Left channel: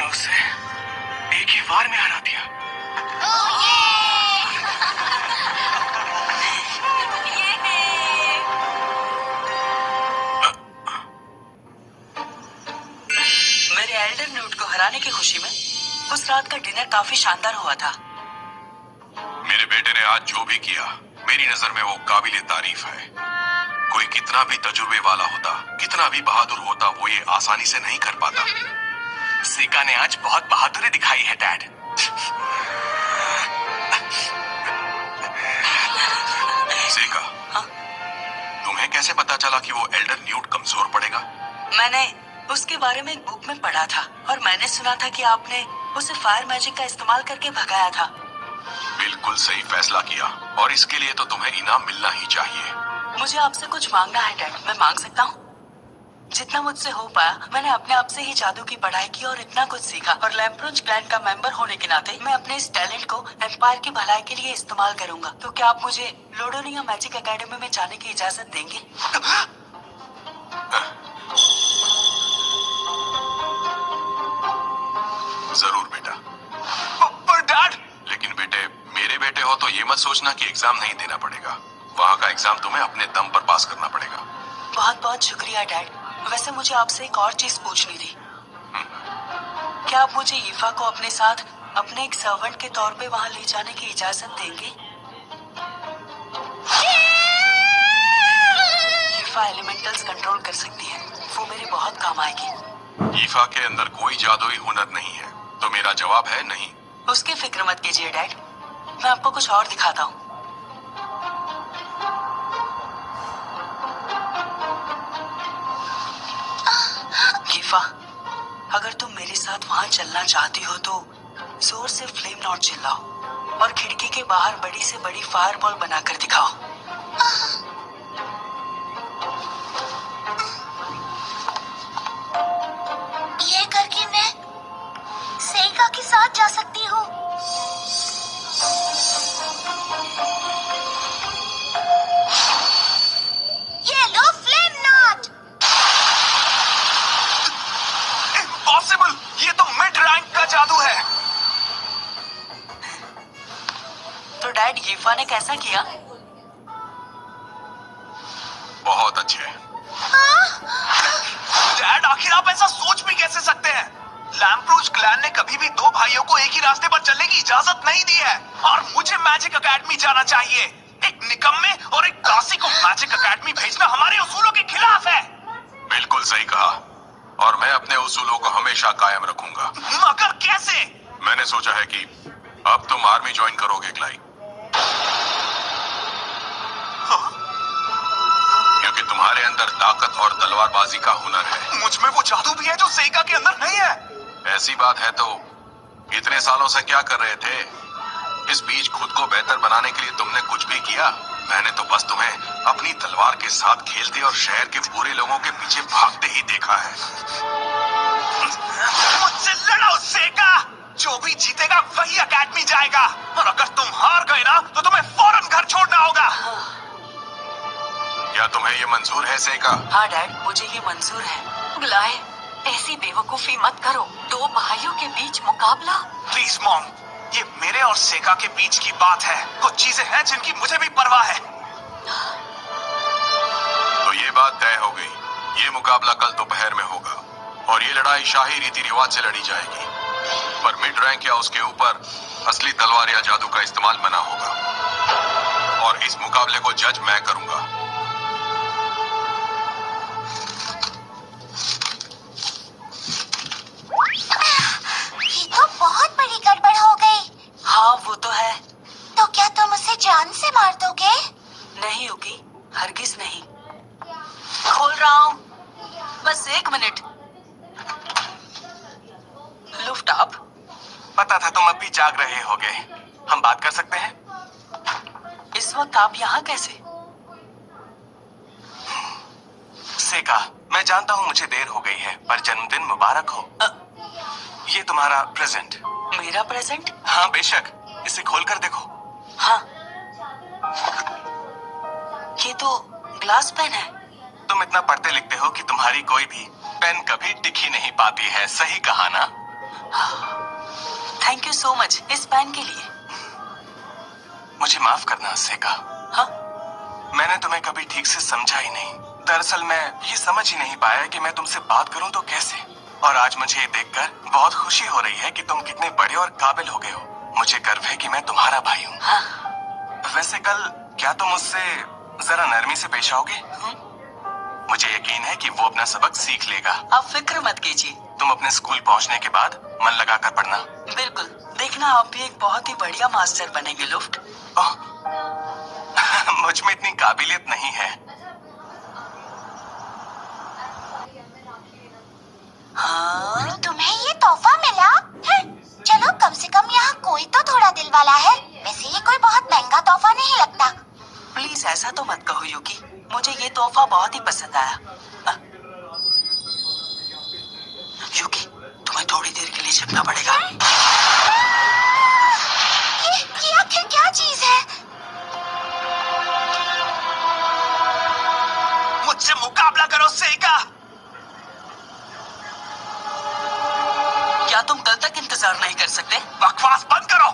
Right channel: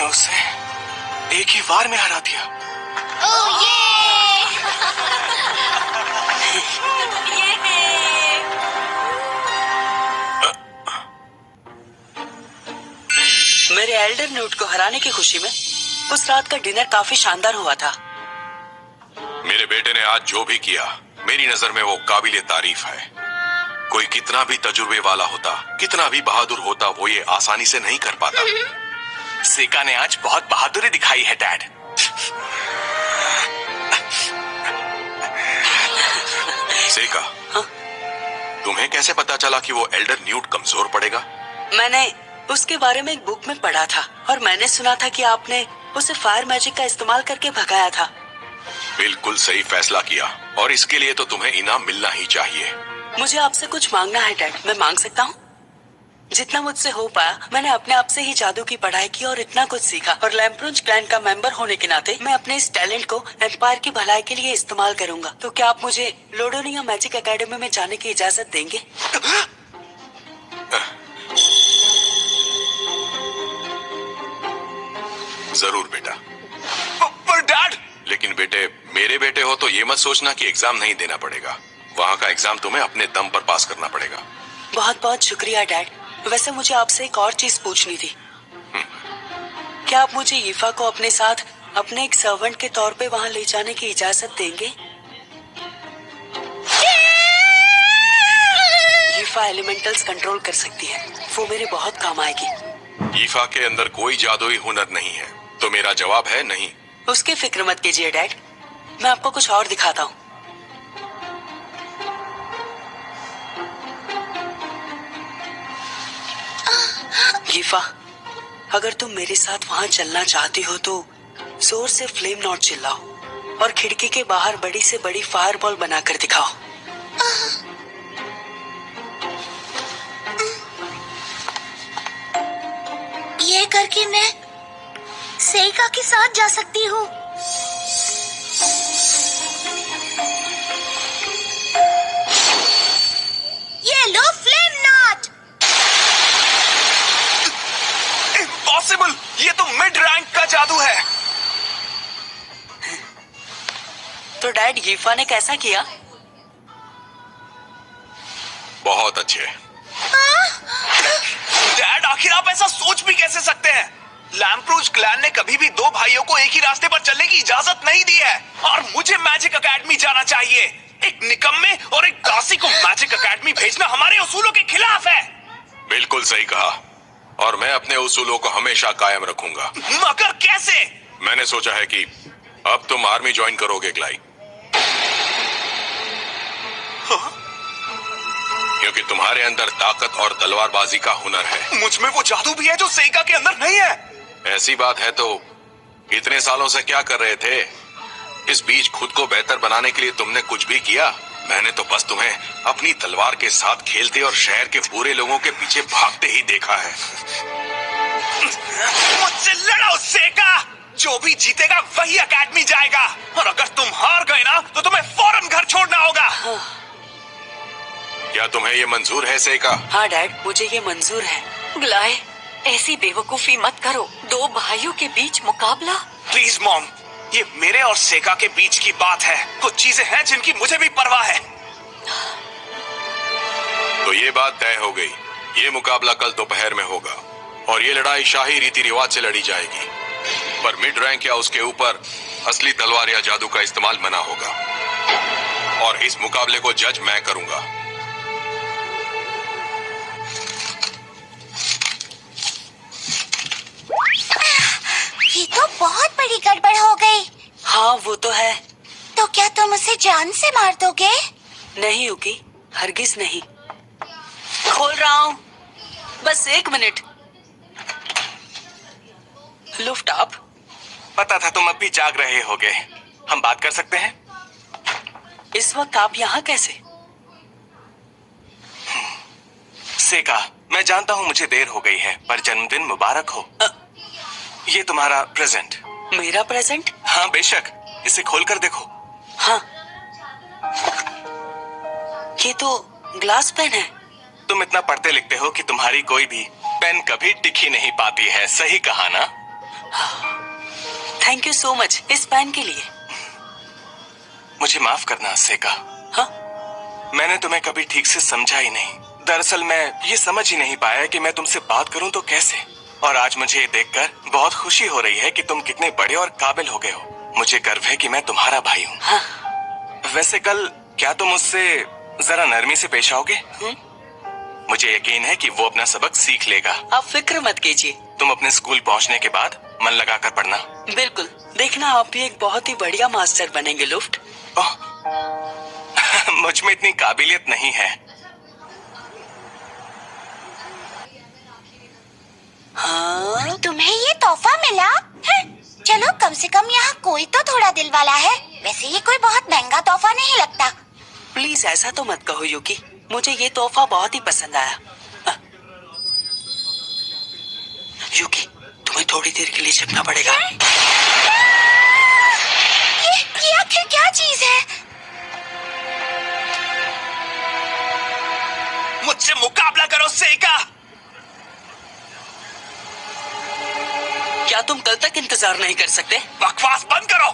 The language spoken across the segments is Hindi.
मैंने उसे एक ही बार में हरा दिया। ओह ये! मेरे एल्डर न्यूट को हराने की खुशी में उस रात का डिनर काफी शानदार हुआ था। मेरे बेटे ने आज जो भी किया मेरी नजर में वो काबिले तारीफ है। कोई कितना भी तजुर्बे वाला होता, कितना भी बहादुर होता, वो ये आसानी से नहीं कर पाता। सेका ने आज बहुत बहादुरी दिखाई है डैड। सेका, हाँ? तुम्हें कैसे पता चला कि वो एल्डर न्यूट कमजोर पड़ेगा? मैंने उसके बारे में एक बुक में पढ़ा था और मैंने सुना था कि आपने उसे फायर मैजिक का इस्तेमाल करके भगाया था। बिल्कुल सही फैसला किया और इसके लिए तो तुम्हें इनाम मिलना ही चाहिए। मुझे आपसे कुछ मांगना है डैड, मैं मांग सकता हूँ? जितना मुझसे हो पाया मैंने अपने आप से ही जादू की पढ़ाई की और इतना कुछ सीखा, और लैम्प्रोज क्लैन का मेंबर होने के नाते मैं अपने इस टैलेंट को एम्पायर की भलाई के लिए इस्तेमाल करूंगा। तो क्या आप मुझे लोडोनिया मैजिक एकेडमी में जाने की इजाजत देंगे? जरूर बेटा। पर डैड! लेकिन बेटे, मेरे बेटे हो तो ये मत सोचना कि एग्जाम नहीं देना पड़ेगा। वहाँ का एग्जाम तुम्हें अपने दम पर पास करना पड़ेगा। बहुत बहुत शुक्रिया डैड। वैसे मुझे आपसे एक और चीज पूछनी थी। क्या आप मुझे यीफा को अपने साथ अपने एक सर्वेंट के तौर पे वहाँ ले जाने की इजाजत देंगे? यीफा एलिमेंटल्स कंट्रोल कर सकती है, वो मेरे बहुत काम आएगी। यीफा के अंदर कोई जादुई हुनर नहीं है, तो मेरा जवाब है नहीं। उसकी फिक्र मत कीजिए डैड, मैं आपको कुछ और दिखाता हूँ। यीफा, अगर तुम मेरे साथ वहाँ चलना चाहती हो तो जोर से फ्लेम नॉट चिल्लाओ और खिड़की के बाहर बड़ी से बड़ी फायरबॉल बनाकर दिखाओ। ये करके मैं सेका के साथ जा सकती हूँ। ये लो फ्लेम नॉट। इम्पॉसिबल! ये तो मिड रैंक का जादू है। तो डैड, यीफा ने कैसा किया? बहुत अच्छे। डैड, आखिर आप ऐसा सोच भी कैसे सकते हैं? लैम्प्रोज क्लैन ने कभी भी दो भाइयों को एक ही रास्ते पर चलने की इजाजत नहीं दी है, और मुझे मैजिक एकेडमी जाना चाहिए। एक निकम्मे और एक दासी को मैजिक एकेडमी भेजना हमारे उसूलों के खिलाफ है। बिल्कुल सही कहा, और मैं अपने उसूलों को हमेशा कायम रखूंगा। मगर कैसे? मैंने सोचा है कि अब तुम आर्मी ज्वाइन करोगे क्लाई। क्योंकि तुम्हारे अंदर ताकत और तलवारबाजी का हुनर है। मुझ में वो जादू भी है जो सेका के अंदर नहीं है। ऐसी बात है तो इतने सालों से क्या कर रहे थे? इस बीच खुद को बेहतर बनाने के लिए तुमने कुछ भी किया? मैंने तो बस तुम्हें अपनी तलवार के साथ खेलते और शहर के बुरे लोगों के पीछे भागते ही देखा है। मुझसे लड़ो सेका! जो भी जीतेगा वही एकेडमी जाएगा, और अगर तुम हार गए ना तो तुम्हें फौरन घर छोड़ना होगा। क्या तुम्हें ये मंजूर है सेका? हाँ डैड, मुझे ये मंजूर है। ग्लाय, ऐसी बेवकूफी मत करो। दो भाइयों के बीच मुकाबला। प्लीज मॉम, ये मेरे और सेका के बीच की बात है। कुछ चीजें हैं जिनकी मुझे भी परवाह है। तो ये बात तय हो गई। ये मुकाबला कल दोपहर में होगा, और ये लड़ाई शाही रीति रिवाज से लड़ी जाएगी। पर मिड रैंक या उसके ऊपर असली तलवार या जादू का इस्तेमाल मना होगा, और इस मुकाबले को जज मैं करूंगा। ये तो बहुत बड़ी गड़बड़ हो गई। हाँ वो तो है। तो क्या तुम उसे जान से मार दोगे? नहीं युकी, हरगिज नहीं। खोल रहा हूँ, बस 1 मिनट। लुफ्ट आप। पता था तुम अब भी जाग रहे होगे। हम बात कर सकते हैं? इस वक्त आप यहाँ कैसे? सेका, मैं जानता हूँ मुझे देर हो गई है, पर जन्मदिन मुबारक हो। ये तुम्हारा प्रेजेंट। मेरा प्रेजेंट? हाँ बेशक, इसे खोलकर देखो। हाँ, ये तो ग्लास पेन है। तुम इतना पढ़ते लिखते हो कि तुम्हारी कोई भी पेन कभी टिकी नहीं पाती है। सही कहा ना? थैंक यू सो मच इस पैन के लिए। मुझे माफ करना सेका। हाँ, मैंने तुम्हें कभी ठीक से समझा ही नहीं। दरअसल मैं ये समझ ही नहीं पाया कि मैं तुमसे बात करूं तो कैसे। और आज मुझे ये देखकर बहुत खुशी हो रही है कि तुम कितने बड़े और काबिल हो गए हो। मुझे गर्व है कि मैं तुम्हारा भाई हूँ। हाँ। वैसे कल क्या तुम उससे जरा नरमी से पेश आओगे? मुझे यकीन है कि वो अपना सबक सीख लेगा। आप फिक्र मत कीजिए। तुम अपने स्कूल पहुंचने के बाद मन लगा कर पढ़ना। बिल्कुल, देखना आप भी एक बहुत ही बढ़िया मास्टर बनेंगे लुफ्ट। ओह, मुझ में इतनी काबिलियत नहीं है। हाँ, तुम्हें ये तोहफा मिला? चलो कम से कम यहाँ कोई तो थोड़ा दिल वाला है। वैसे ये कोई बहुत महंगा तोहफा नहीं लगता। प्लीज ऐसा तो मत कहो यूकी, मुझे ये तोहफा बहुत ही पसंद आया। यूकी, तुम्हें थोड़ी देर के लिए छिपना पड़ेगा। ये आखिर क्या चीज है? मुझसे मुकाबला करो सेका। क्या तुम कल तक इंतजार नहीं कर सकते? बकवास बंद करो।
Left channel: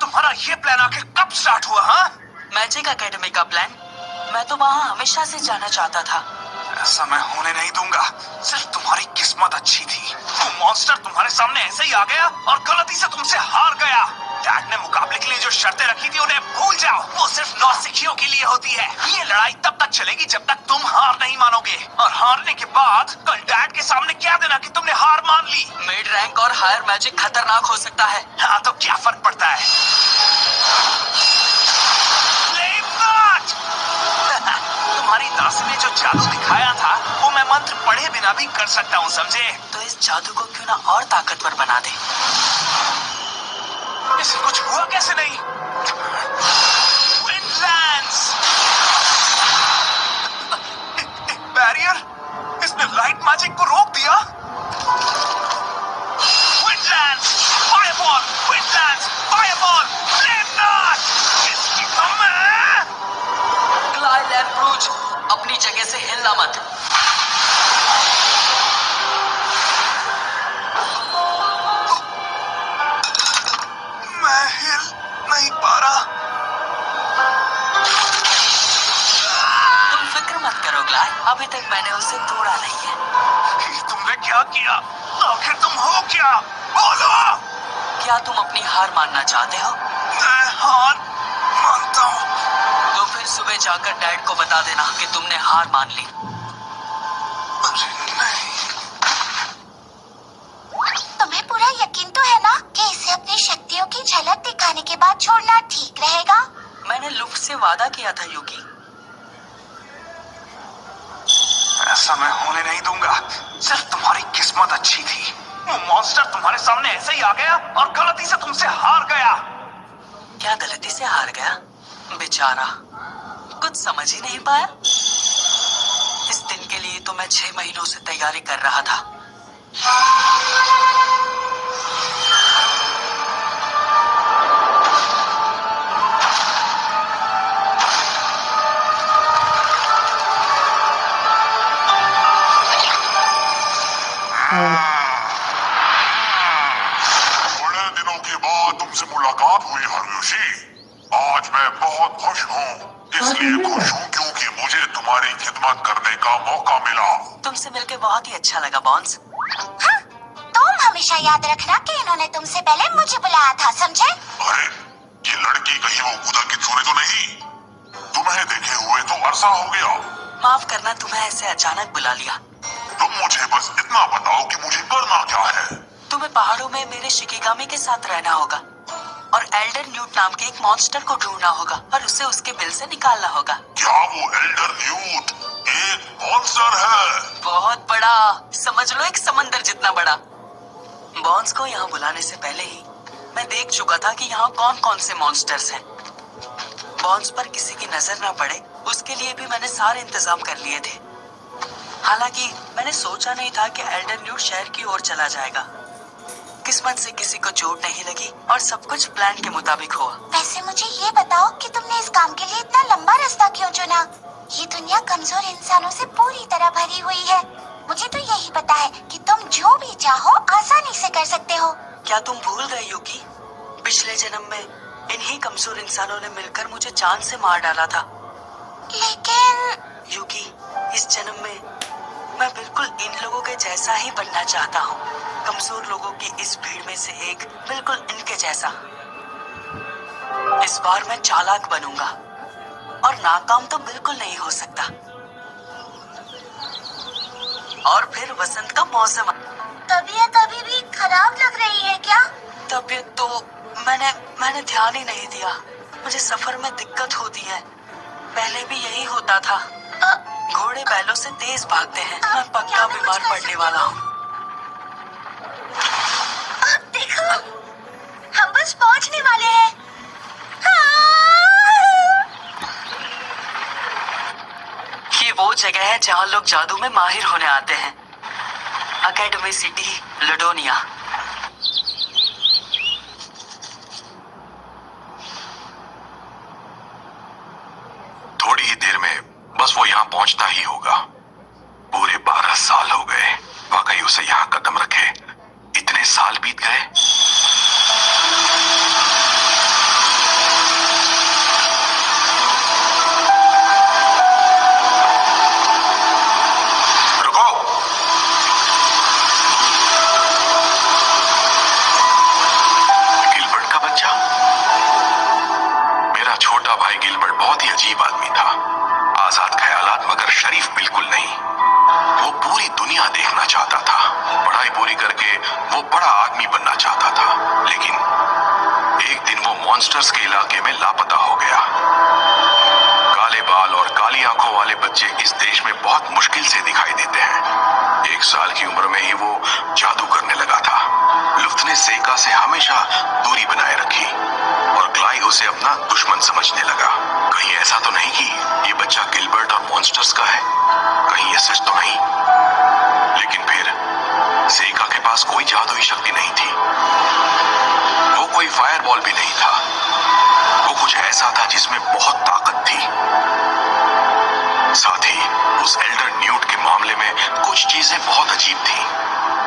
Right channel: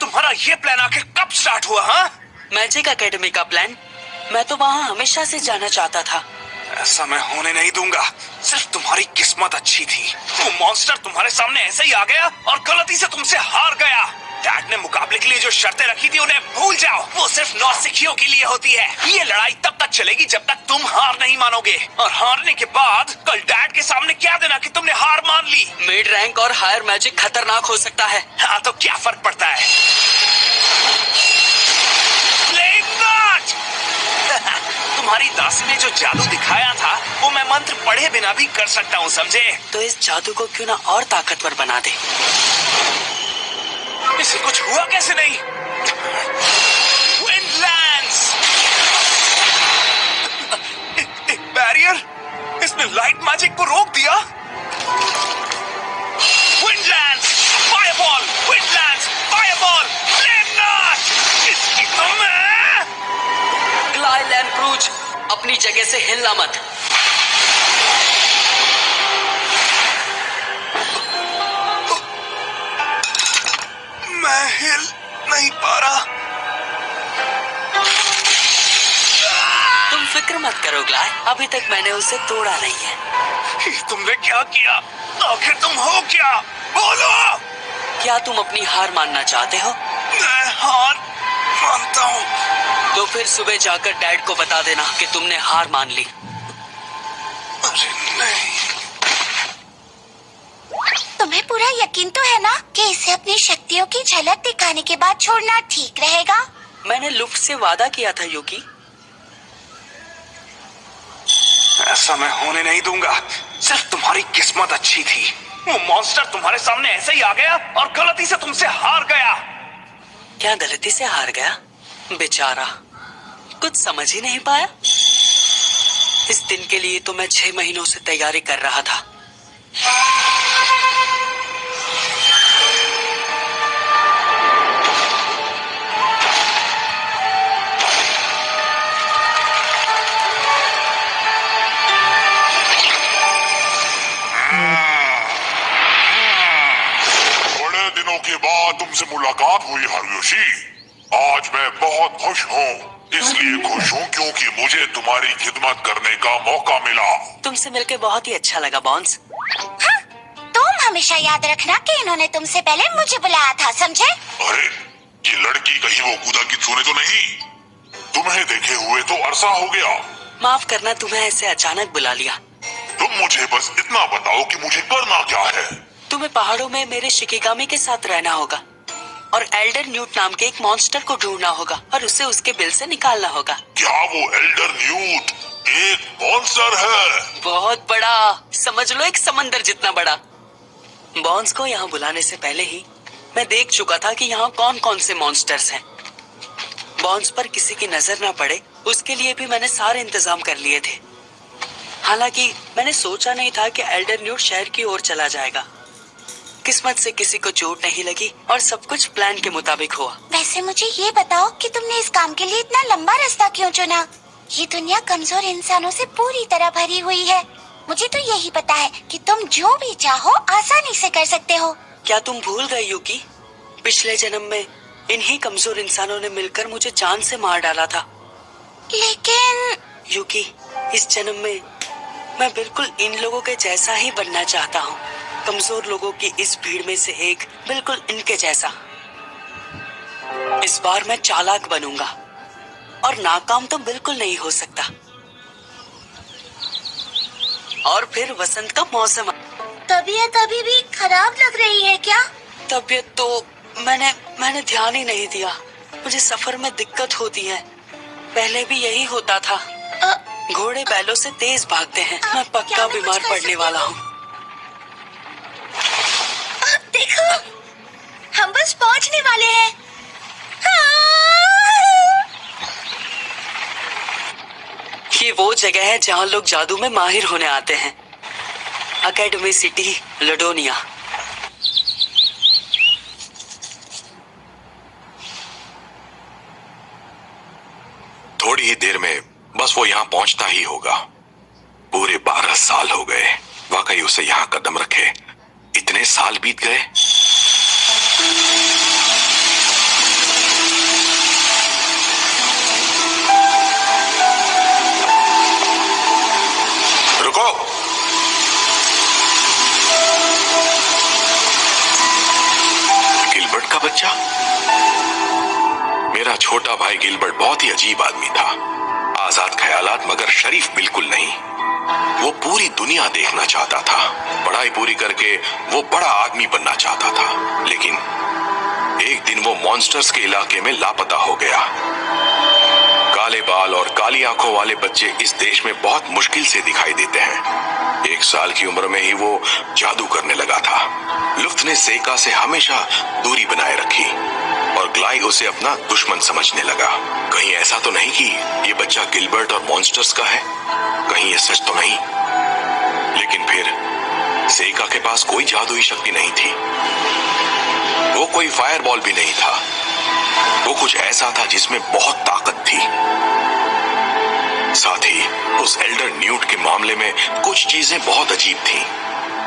तुम्हारा ये प्लान आखिर कब स्टार्ट हुआ? हाँ, मैजिक एकेडमी का प्लान? मैं तो वहाँ हमेशा से जाना चाहता था। ऐसा मैं होने नहीं दूंगा। सिर्फ तुम्हारी किस्मत अच्छी थी। वो मॉन्स्टर तुम्हारे सामने ऐसे ही आ गया और गलती से तुमसे हार गया। डैड ने मुकाबले के लिए जो शर्तें रखी थी उन्हें भूल जाओ। वो सिर्फ नौसिखियों के लिए होती है। ये लड़ाई तब तक चलेगी जब तक तुम हार नहीं मानोगे। और हारने के बाद कल डैड के सामने क्या देना कि तुमने हार मान ली। मिड रैंक और हायर मैजिक खतरनाक हो सकता है। हाँ, तो क्या फर्क पड़ता है? Flame not! तुम्हारी दासी ने जो जादू दिखाया था वो मैं मंत्र पढ़े बिना भी कर सकता हूँ, समझे? तो इस जादू को क्यों ना और ताकतवर बना दे। इसे कुछ हुआ कैसे नहीं? विंडलैंड्स! एक बैरियर? इसने लाइट मैजिक को रोक दिया। विंडलैंड्स! फायरबॉल! विंडलैंड्स! फायरबॉल! Flame not! इसकी तो मैं... क्लाई लैम्प्रूज, अपनी जगह से हिलना मत। मैं हिल नहीं पा रहा। तुम फिक्र मत करो ग्लाय, अभी तक मैंने उसे तोड़ा नहीं है। तुमने क्या किया? आखिर तुम हो क्या? बोलो! क्या तुम अपनी हार मानना चाहते हो? मैं हार मानता हूँ। तो फिर सुबह जाकर डैड को बता देना कि तुमने हार मान ली। अरे नहीं। तुम्हें पूरा यकीन तो है ना कि इसे अपनी शक्तियों की झलक दिखाने के बाद छोड़ना ठीक रहेगा? मैंने लुफ्ट से वादा किया था यूकी। ऐसा मैं होने नहीं दूंगा। सिर्फ तुम्हारी किस्मत अच्छी थी। वो मॉन्स्टर तुम्हारे सामने ऐसे ही आ गया और गलती से तुमसे हार गया। क्या गलती से हार गया? बेचारा, कुछ समझ ही नहीं पाया। इस दिन के लिए तो मैं 6 महीनों से तैयारी कर रहा था। बड़े दिनों के बाद तुमसे मुलाकात हुई हारुयोशी। आज मैं बहुत खुश हूँ। इसलिए खुश हूँ क्योंकि मुझे तुम्हारी खिदमत करने का मौका मिला। तुमसे मिलकर बहुत ही अच्छा लगा बॉन्स। हाँ, तुम हमेशा याद रखना कि इन्होंने तुमसे पहले मुझे बुलाया था, समझे? अरे ये लड़की कहीं वो कूदा की चूने तो नहीं? तुम्हें देखे हुए तो अरसा हो गया। माफ करना, तुम्हें ऐसे अचानक बुला लिया। तुम मुझे बस इतना बताओ कि मुझे करना क्या है। तुम्हें पहाड़ों में मेरे शिकिगामी के साथ रहना होगा और एल्डर न्यूट नाम के एक मॉन्स्टर को ढूंढना होगा और उसे उसके बिल से निकालना होगा। क्या वो एल्डर न्यूट एक मॉन्स्टर है? बहुत बड़ा, समझ लो एक समंदर जितना बड़ा। बॉन्स को यहाँ बुलाने से पहले ही मैं देख चुका था कि यहाँ कौन कौन से मॉन्स्टर्स हैं। बॉन्स पर किसी की नजर ना पड़े उसके लिए भी मैंने सारे इंतजाम कर लिए थे। हालांकि मैंने सोचा नहीं था कि एल्डर न्यूट शहर की ओर चला जाएगा। किस्मत से किसी को चोट नहीं लगी और सब कुछ प्लान के मुताबिक हुआ। वैसे मुझे ये बताओ कि तुमने इस काम के लिए इतना लंबा रास्ता क्यों चुना? ये दुनिया कमजोर इंसानों से पूरी तरह भरी हुई है। मुझे तो यही पता है कि तुम जो भी चाहो आसानी से कर सकते हो। क्या तुम भूल गई यूकी? पिछले जन्म में इन्हीं कमजोर इंसानों ने मिलकर मुझे जान से मार डाला था। लेकिन यूकी, इस जन्म में मैं बिल्कुल इन लोगों के जैसा ही बनना चाहता हूँ। कमजोर लोगों की इस भीड़ में से एक, बिल्कुल इनके जैसा। इस बार मैं चालाक बनूंगा और नाकाम तो बिल्कुल नहीं हो सकता। और फिर वसंत का मौसम। तबीयत अभी भी खराब लग रही है क्या? तबीयत तो मैंने ध्यान ही नहीं दिया। मुझे सफर में दिक्कत होती है, पहले भी यही होता था। घोड़े बैलों से तेज भागते हैं। मैं पक्का बीमार पड़ने वाला हूँ। देखो, हम बस पहुंचने वाले हैं। ये वो जगह है जहाँ लोग जादू में माहिर होने आते हैं। Academy city, Ladonia. थोड़ी ही देर में बस वो यहाँ पहुंचता ही होगा। पूरे 12 साल हो गए वाकई उसे यहाँ कदम रखे। इतने साल बीत गए। रुको। गिलबर्ट का बच्चा? मेरा छोटा भाई गिलबर्ट बहुत ही अजीब आदमी था। आजाद ख्यालात मगर शरीफ बिल्कुल नहीं। वो पूरी दुनिया देखना चाहता था। पढ़ाई पूरी करके वो बड़ा आदमी बनना चाहता था। लेकिन एक दिन वो मॉन्स्टर्स के इलाके में लापता हो गया। काले बाल और काली आंखों वाले बच्चे इस देश में बहुत मुश्किल से दिखाई देते हैं। 1 साल की उम्र में ही वो जादू करने लगा था। लुफ्त ने सेका से हमेशा दूरी बनाए रखी और ग्लाई उसे अपना दुश्मन समझने लगा। कहीं ऐसा तो नहीं कि ये बच्चा गिलबर्ट और मॉन्स्टर्स का है? कहीं ये सच तो नहीं? लेकिन फिर सेका के पास कोई जादुई शक्ति नहीं थी। वो कोई फायरबॉल भी नहीं था। वो कुछ ऐसा था जिसमें बहुत ताकत थी। साथ ही उस एल्डर न्यूट के मामले में कुछ चीजें बहुत अजीब थीं।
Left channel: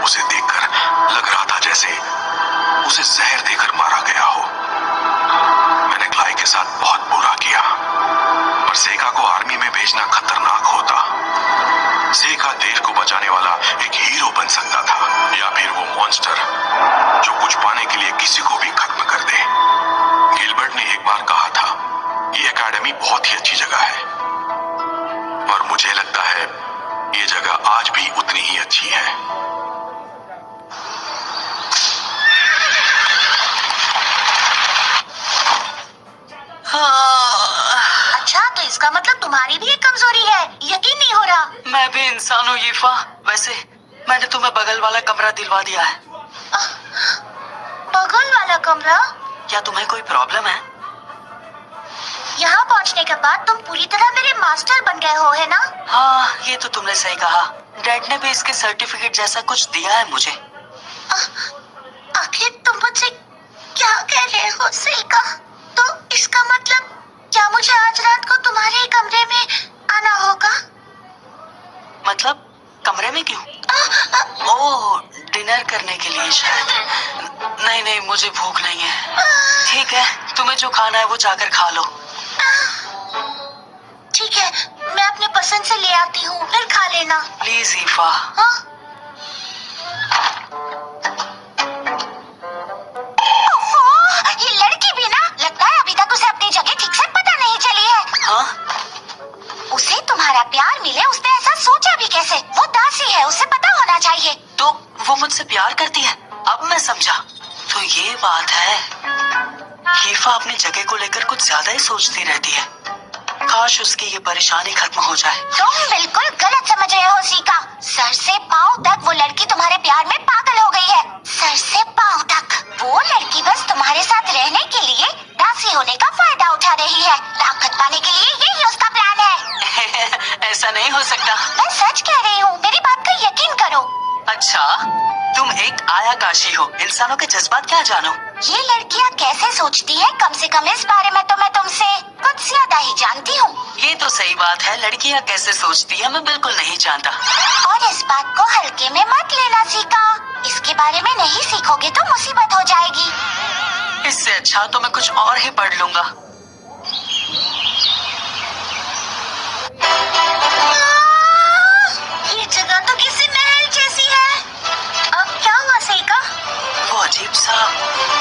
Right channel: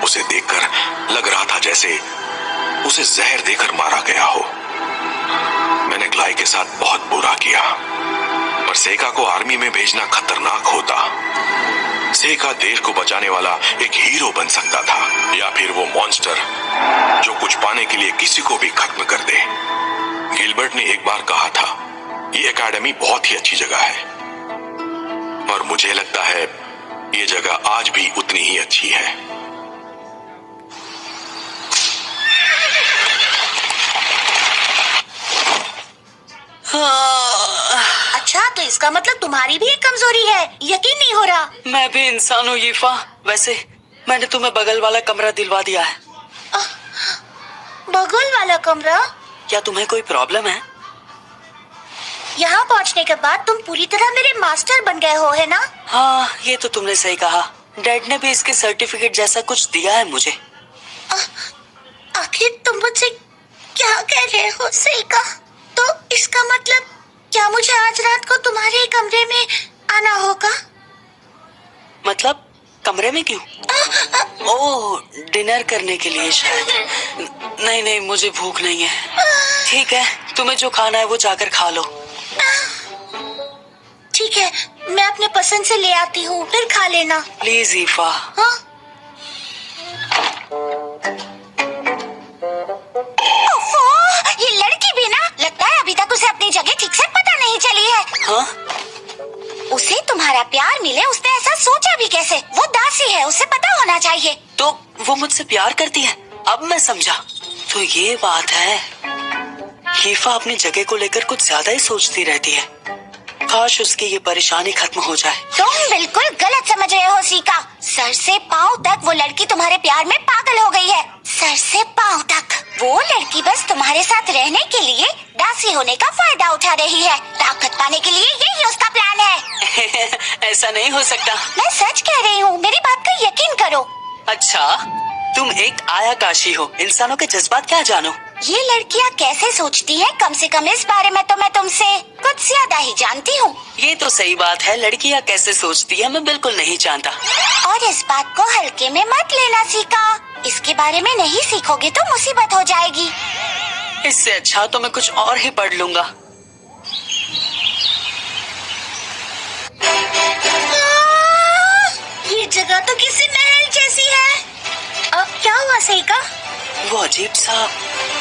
उसे देखकर लग रहा था जैसे उसे जहर देकर मारा गया हो। मैंने ग्लाई के साथ बहुत बुरा किया, पर सेका को आर्मी में भेजना खतरनाक होता। सेका देश को बचाने वाला एक हीरो बन सकता था, या फिर वो मॉन्स्टर जो कुछ पाने के लिए किसी को भी खत्म कर दे। गिलबर्ट ने एक बार कहा था, ये एकेडमी बहुत ही अच्छी जगह है, और मुझे लगता है ये जगह आज भी उतनी ही अच्छी है। अच्छा, तो इसका मतलब तुम्हारी भी एक कमजोरी है। यकीन नहीं हो रहा। मैं भी इंसान हूँ यीफा। वैसे मैंने तुम्हें बगल वाला कमरा दिलवा दिया है। बगल वाला कमरा? क्या तुम्हें कोई प्रॉब्लम है? यहाँ पहुँचने के बाद तुम पूरी तरह मेरे मास्टर बन गए हो, है ना? हाँ, ये तो तुमने सही कहा। डैड ने भी इसके सर्टिफिकेट जैसा कुछ दिया है मुझे। आखिर तुम मुझसे क्या कह रहे हो सेका? तो इसका मतलब क्या मुझे आज रात को तुम्हारे कमरे में आना होगा? मतलब कमरे में क्यों? ओह, डिनर करने के लिए शायद। नहीं, मुझे भूख नहीं है। ठीक है, तुम्हें जो खाना है वो जाकर खा लो। ठीक है, मैं अपने पसंद से ले आती हूँ, फिर खा लेना। प्लीज ईफा। हाँ? ओफो, ये लड़की भी ना, लगता है अभी तक उसे अपनी जगह ठीक से पता नहीं चली है। हाँ? उसे तुम्हारा प्यार मिले, उसने ऐसा सोचा भी कैसे? वो दासी है, उसे पता होना चाहिए। तो वो मुझसे प्यार करती है? अब मैं समझा। तो ये बात है। हीफा अपनी जगह को लेकर कुछ ज्यादा ही सोचती रहती है। काश उसकी ये परेशानी खत्म हो जाए। तुम बिल्कुल गलत समझ रहे हो सीका। सर से पाँव तक वो लड़की तुम्हारे प्यार में पागल हो गई है। सर से पाँव तक। वो लड़की बस तुम्हारे साथ रहने के लिए दासी होने का फायदा उठा रही है। ताकत पाने के लिए यही उसका प्लान है। ऐसा नहीं हो सकता। मैं सच कह रही हूँ, मेरी बात का यकीन करो। अच्छा, तुम एक आयाकाशी हो, इंसानों के जज्बात क्या जानो? ये लड़कियाँ कैसे सोचती हैं, कम से कम इस बारे में तो मैं तुमसे कुछ ज्यादा ही जानती हूँ। ये तो सही बात है, लड़कियाँ कैसे सोचती है मैं बिल्कुल नहीं जानता। और इस बात को हल्के में मत लेना सीका। इसके बारे में नहीं सीखोगे तो मुसीबत हो जाएगी। इससे अच्छा तो मैं कुछ और ही पढ़ लूंगा। ये जगह तो किसी महल जैसी है। अब क्या हुआ सेका? वो अजीब सा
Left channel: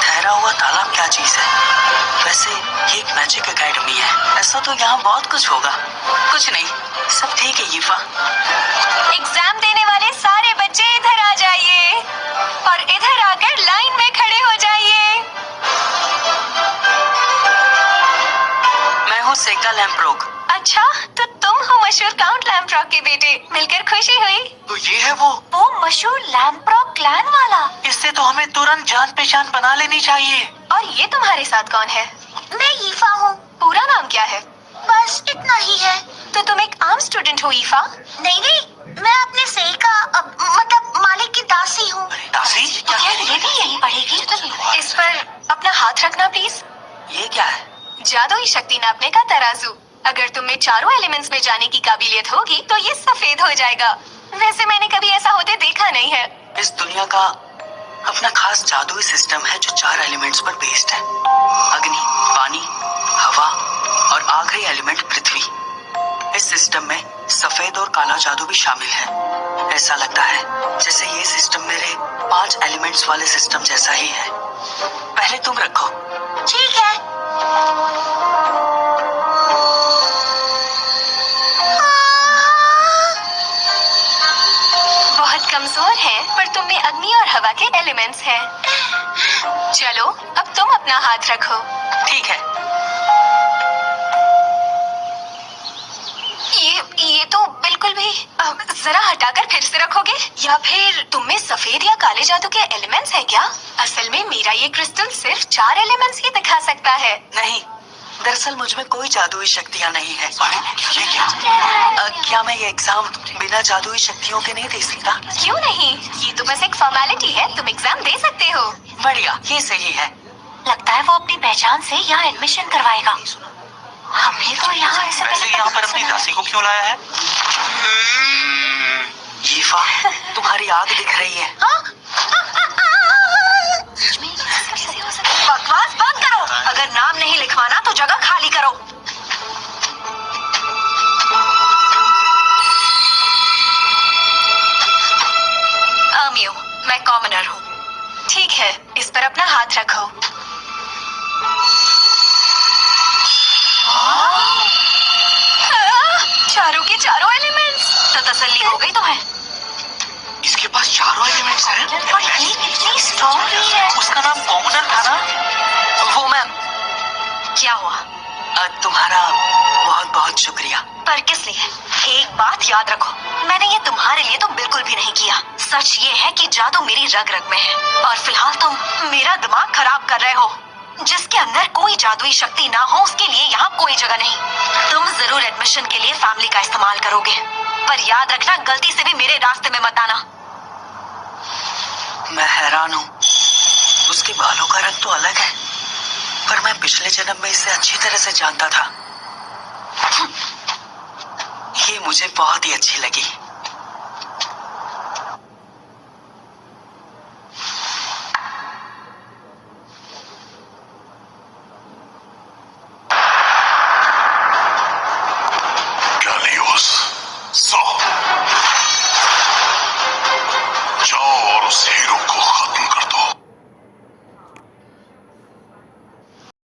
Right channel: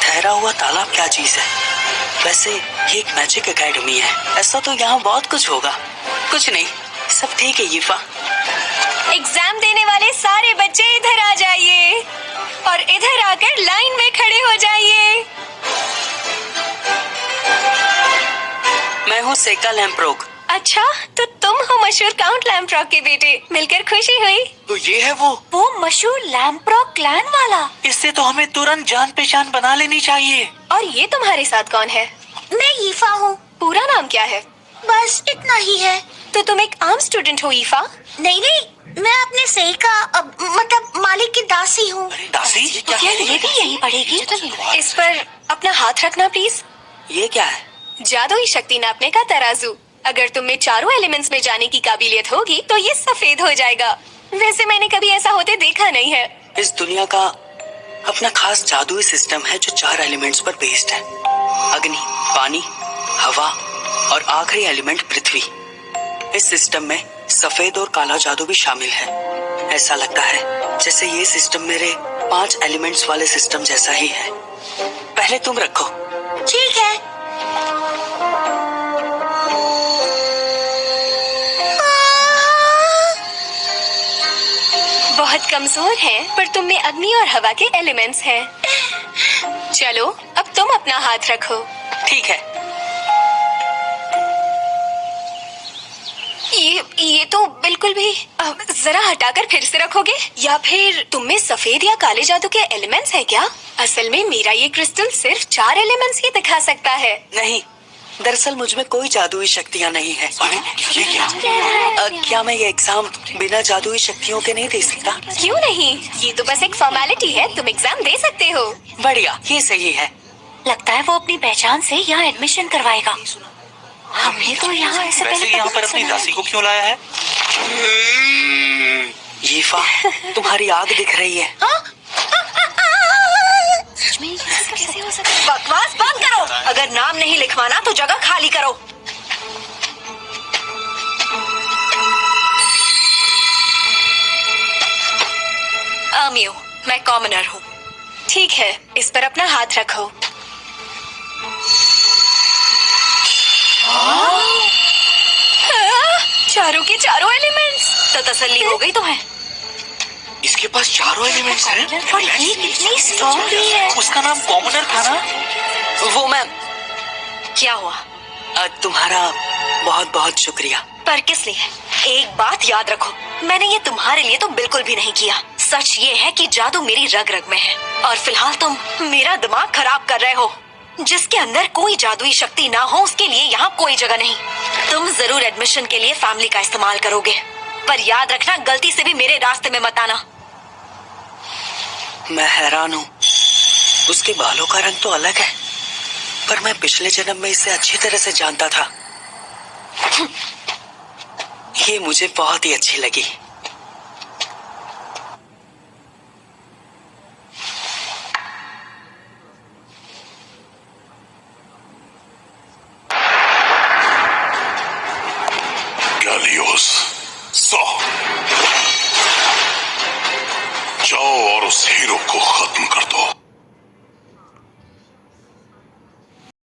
ठहरा हुआ तालाब क्या चीज है? वैसे ये एक मैजिक एकेडमी है, ऐसा तो यहाँ बहुत कुछ होगा। कुछ नहीं, सब ठीक है यीफा। एग्जाम देने वाले सारे बच्चे इधर आ जाइए और इधर आकर लाइन में खड़े हो जाइए। मैं हूँ सेका लैम्प्रोग। अच्छा, तो तुम हो मशहूर काउंट लैम्प्रोग के बेटे। मिलकर खुशी हुई। तो ये है वो मशहूर लैम्प्रोग क्लैन वाला। इससे तो हमें तुरंत जान पहचान बना लेनी चाहिए। और ये तुम्हारे साथ कौन है? मैं ईफा हूँ। पूरा नाम क्या है? बस इतना ही है। तो तुम एक आम स्टूडेंट हो ईफा? नहीं नहीं, मैं अपने सेका मतलब मालिक की दासी हूँ। दासी? क्या ये भी यही पढ़ेगी? इस पर अपना हाथ रखना प्लीज। ये क्या है? जादुई शक्ति नापने का तराजू। अगर तुम में चारों एलिमेंट्स में जाने की काबिलियत होगी तो ये सफेद हो जाएगा। वैसे मैंने कभी ऐसा होते देखा नहीं है। इस दुनिया का अपना खास जादुई सिस्टम है जो 4 एलिमेंट्स पर बेस्ड है। अग्नि, पानी, हवा और आखिरी एलिमेंट पृथ्वी। इस सिस्टम में सफेद और काला जादू भी शामिल है। ऐसा लगता है जैसे ये सिस्टम मेरे 5 एलिमेंट्स वाले सिस्टम जैसा ही है। पहले तुम रखो। ठीक है। बहुत कमजोर हैं, पर तुम में अग्नि और हवा के एलिमेंट्स हैं। चलो, अब तुम अपना हाथ रखो। ठीक है। ये तो बिल्कुल भी। अब जरा हटाकर फिर से रखोगे? या फिर तुम में सफेद या काले जादू के एलिमेंट्स है क्या? असल में मेरा ये क्रिस्टल सिर्फ 4 एलिमेंट्स ही दिखा सकता है। नहीं, दरअसल मुझ में कोई जादुई शक्तियाँ नहीं है। ये क्या? क्या मैं ये एग्जाम बिना जादुई शक्तियों के नहीं दे सकता? क्यों नहीं? ये तो बस एक फॉर्मेलिटी है। तुम एग्जाम दे सकते हो। बढ़िया, ये सही है। लगता है वो अपनी पहचान से यहाँ एडमिशन करवाएगा। हमने तो यहाँ ऐसे वैसे यहाँ पर अपनी दासी को क्यों लाया है? यीफा, तुम्हारी आग दिख रही है। बकवास बंद करो। अगर नाम नहीं लिखवाना तो जगह खाली करो। आमियो, मैं कॉमनर हूँ। ठीक है, इस पर अपना हाथ रखो। चारों के चारों एलिमेंट्स। तो तसल्ली हो गई तुम्हें? इसके पास 4 एलिमेंट्स हैं। और ये कितनी स्ट्रॉन्ग भी है। उसका नाम कॉमनर था ना? वो मैम, क्या हुआ? तुम्हारा बहुत बहुत शुक्रिया। पर किस लिए? एक बात याद रखो, मैंने ये तुम्हारे लिए तो बिल्कुल भी नहीं किया। सच ये है कि जादू मेरी रग रग में है और फिलहाल तुम मेरा दिमाग खराब कर रहे हो। जिसके अंदर कोई जादुई शक्ति ना हो उसके लिए यहाँ कोई जगह नहीं। तुम जरूर एडमिशन के लिए फैमिली का इस्तेमाल करोगे, पर याद रखना गलती से भी मेरे रास्ते में मत आना। मैं हैरान हूँ, उसके बालों का रंग तो अलग है, पर मैं पिछले जन्म में इसे अच्छी तरह से जानता था। ये मुझे बहुत ही अच्छी लगी।